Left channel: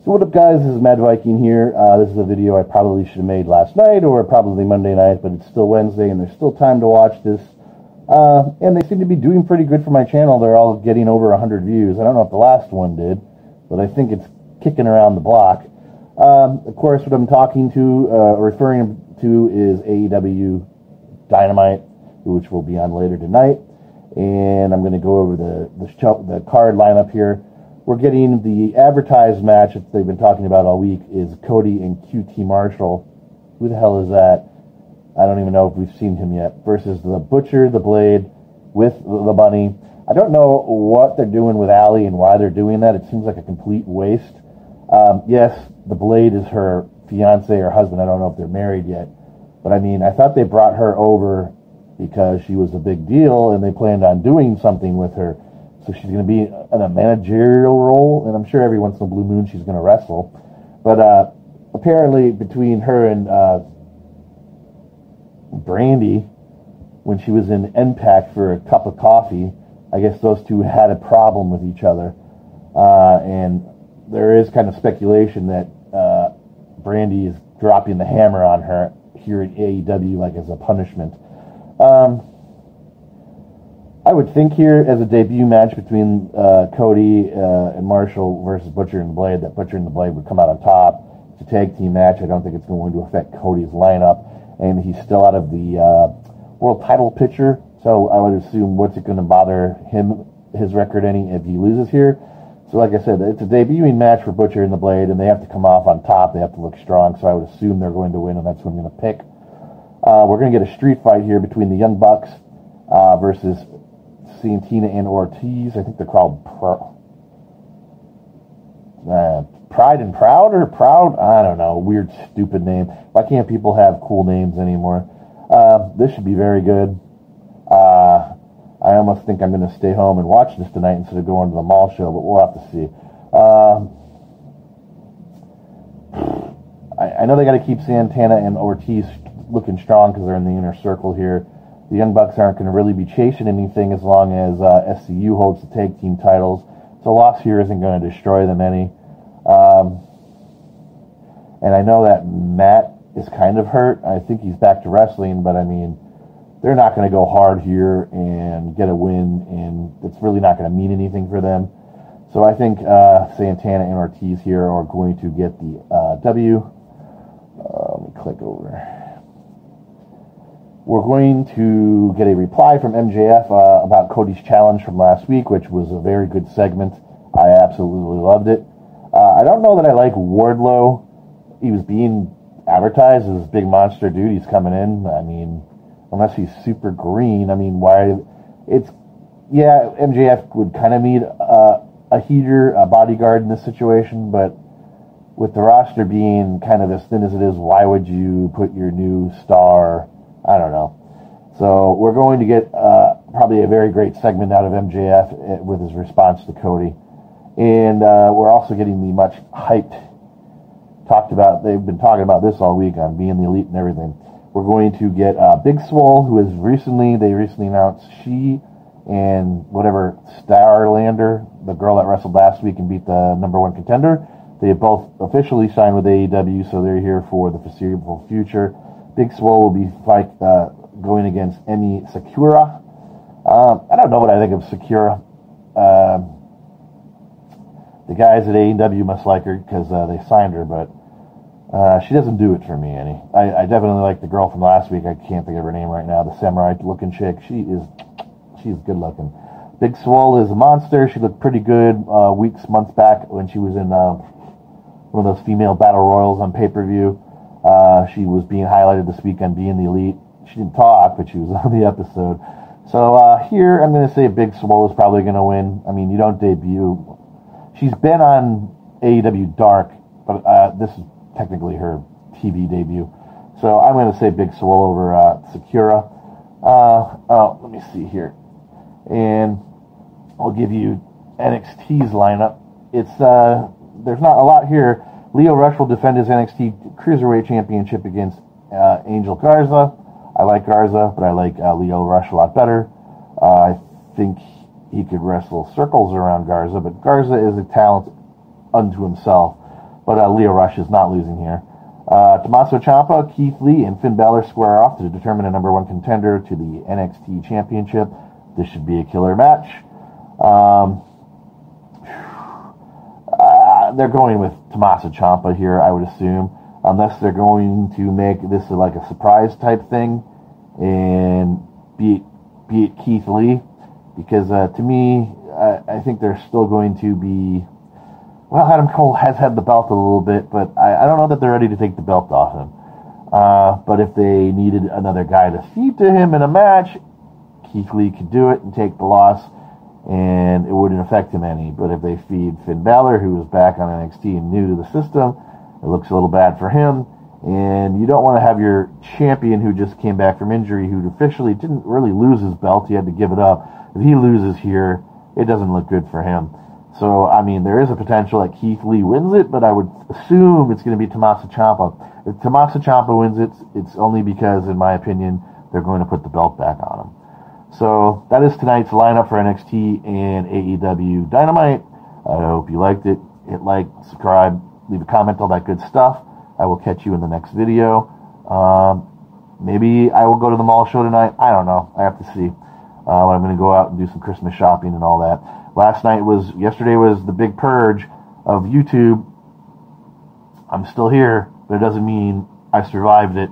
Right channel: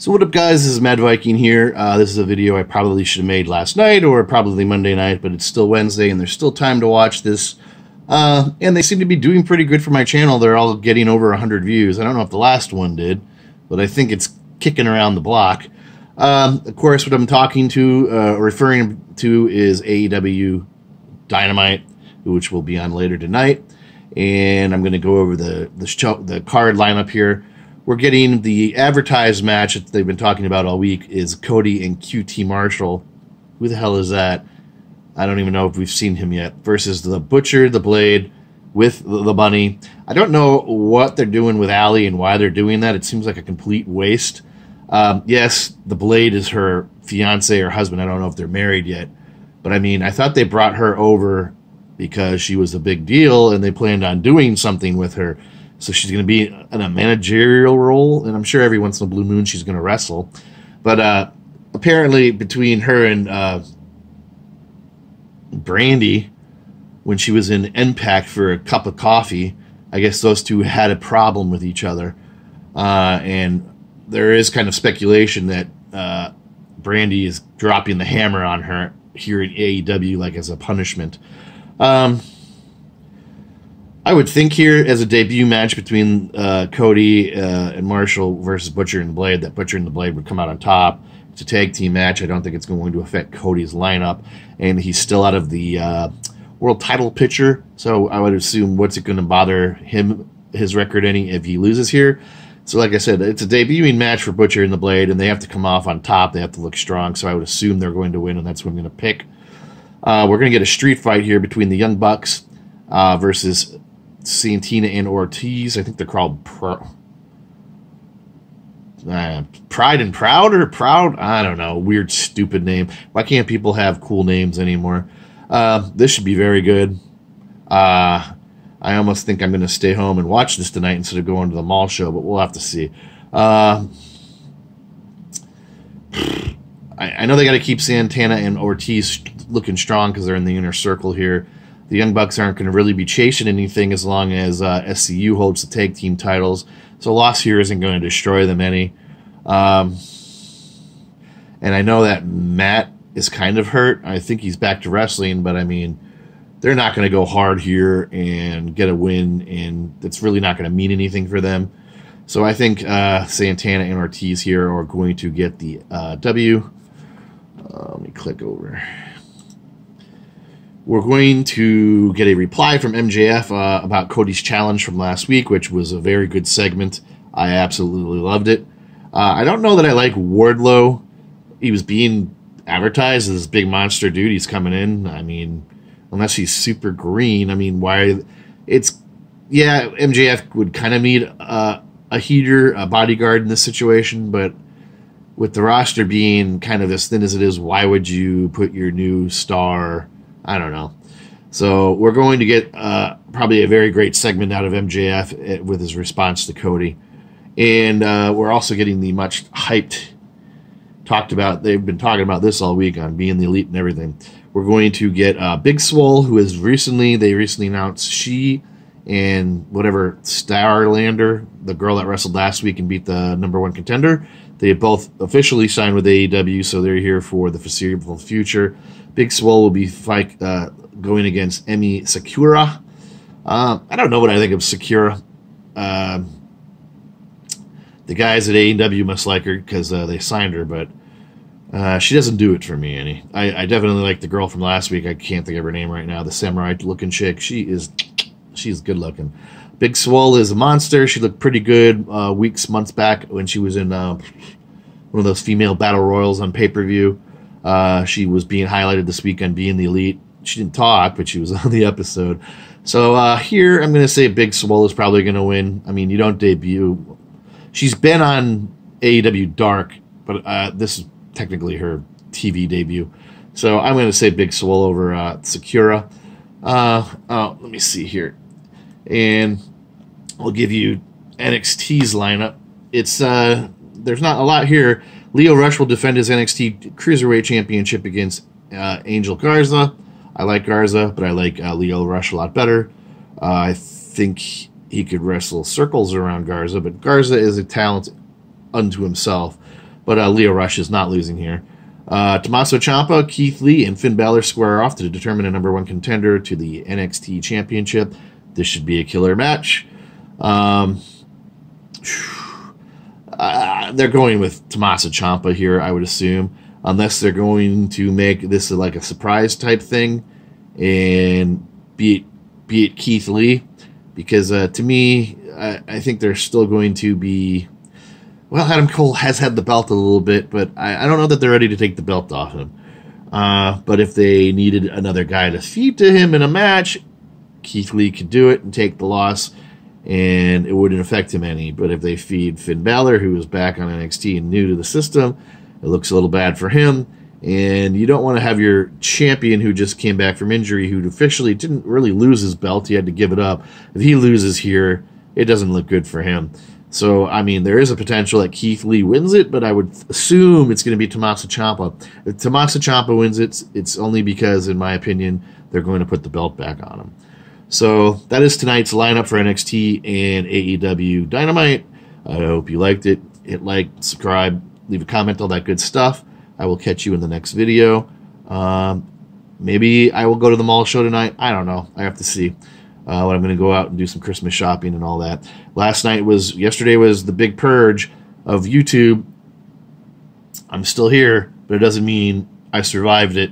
So what up, guys? This is Mad Viking here. This is a video I probably should have made last night or probably Monday night, but it's still Wednesday and there's still time to watch this. And they seem to be doing pretty good for my channel. They're all getting over 100 views. I don't know if the last one did, but I think it's kicking around the block. Of course, what I'm talking to, referring to is AEW Dynamite, which will be on later tonight. And I'm going to go over the card lineup here. We're getting the advertised match that they've been talking about all week is Cody and QT Marshall. Who the hell is that? I don't even know if we've seen him yet. Versus the Butcher, the Blade, with the Bunny. I don't know what they're doing with Allie and why they're doing that. It seems like a complete waste. Yes, the Blade is her fiance or husband. I don't know if they're married yet. But I mean, I thought they brought her over because she was a big deal and they planned on doing something with her. So she's going to be in a managerial role, and I'm sure every once in a blue moon she's going to wrestle. But apparently between her and Brandy, when she was in Impact for a cup of coffee, I guess those two had a problem with each other. And there is kind of speculation that Brandy is dropping the hammer on her here at AEW, like as a punishment. I would think here, as a debut match between Cody and Marshall versus Butcher and Blade, that Butcher and the Blade would come out on top. It's a tag team match. I don't think it's going to affect Cody's lineup. And he's still out of the world title picture. So I would assume, what's it going to bother him, his record any, if he loses here? So like I said, it's a debuting match for Butcher and the Blade, and they have to come off on top. They have to look strong. So I would assume they're going to win, and that's what I'm going to pick. We're going to get a street fight here between the Young Bucks versus Santana and Ortiz. I think they're called Pride and Proud or Proud? I don't know. Weird, stupid name. Why can't people have cool names anymore? This should be very good. I almost think I'm going to stay home and watch this tonight instead of going to the mall show, but we'll have to see. I know they got to keep Santana and Ortiz looking strong because they're in the inner circle here. The Young Bucks aren't going to really be chasing anything as long as SCU holds the tag team titles. So a loss here isn't going to destroy them any. And I know that Matt is kind of hurt. I think he's back to wrestling, but I mean, they're not going to go hard here and get a win, and it's really not going to mean anything for them. So I think Santana and Ortiz here are going to get the W. Let me click over. We're going to get a reply from MJF about Cody's challenge from last week, which was a very good segment. I absolutely loved it. I don't know that I like Wardlow. He was being advertised as this big monster dude. He's coming in. I mean, unless he's super green. I mean, why? Yeah, MJF would kind of need a heater, a bodyguard in this situation, but with the roster being kind of as thin as it is, why would you put your new star? I don't know. So we're going to get probably a very great segment out of MJF with his response to Cody. And we're also getting the much hyped, talked about, they've been talking about this all week on being the elite and everything. We're going to get Big Swole, who is they recently announced she and whatever Starlander, the girl that wrestled last week and beat the #1 contender, they have both officially signed with AEW, so they're here for the foreseeable future. Big Swole will be going against Emi Sakura. I don't know what I think of Sakura. The guys at AEW must like her because they signed her, but she doesn't do it for me any. I definitely like the girl from last week. I can't think of her name right now. The samurai-looking chick. She's good looking. Big Swole is a monster. She looked pretty good months back when she was in one of those female battle royals on pay-per-view. She was being highlighted this week on being the elite. She didn't talk, but she was on the episode. So here I'm going to say Big Swole is probably going to win. I mean, you don't debut. She's been on AEW Dark, but this is technically her TV debut. So I'm going to say Big Swole over Sakura. Let me see here. And I'll give you NXT's lineup. It's there's not a lot here. Leo Rush will defend his NXT Cruiserweight Championship against Angel Garza. I like Garza, but I like Leo Rush a lot better. I think he could wrestle circles around Garza, but Garza is a talent unto himself. But Leo Rush is not losing here. Tommaso Ciampa, Keith Lee, and Finn Balor square off to determine a number 1 contender to the NXT Championship. This should be a killer match. They're going with Tommaso Ciampa here, I would assume, unless they're going to make this like a surprise type thing and beat Keith Lee, because to me, I think they're still going to be. Well, Adam Cole has had the belt a little bit, but I don't know that they're ready to take the belt off him. But if they needed another guy to feed to him in a match, Keith Lee could do it and take the loss, and it wouldn't affect him any. But if they feed Finn Balor, who is back on NXT and new to the system, it looks a little bad for him. And you don't want to have your champion who just came back from injury, who officially didn't really lose his belt, he had to give it up. If he loses here, it doesn't look good for him. So, I mean, there is a potential that Keith Lee wins it, but I would assume it's going to be Tommaso Ciampa. If Tommaso Ciampa wins it, it's only because, in my opinion, they're going to put the belt back on him. So that is tonight's lineup for NXT and AEW Dynamite. I hope you liked it. Hit like, subscribe, leave a comment, all that good stuff. I will catch you in the next video. Maybe I will go to the mall show tonight. I don't know. I have to see. When I'm going to go out and do some Christmas shopping and all that. Yesterday was the big purge of YouTube. I'm still here, but it doesn't mean I survived it.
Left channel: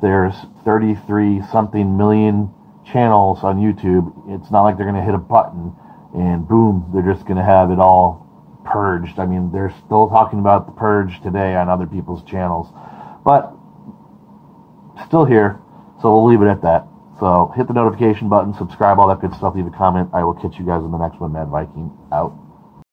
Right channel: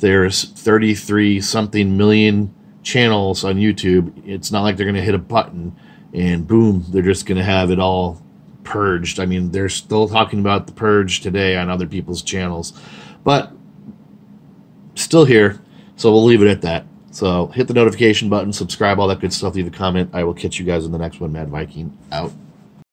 There's 33-something million channels on YouTube. It's not like they're going to hit a button and boom, they're just going to have it all purged. I mean, they're still talking about the purge today on other people's channels. But still here, so we'll leave it at that. So hit the notification button, subscribe, all that good stuff, leave a comment. I will catch you guys in the next one. Mad Viking out.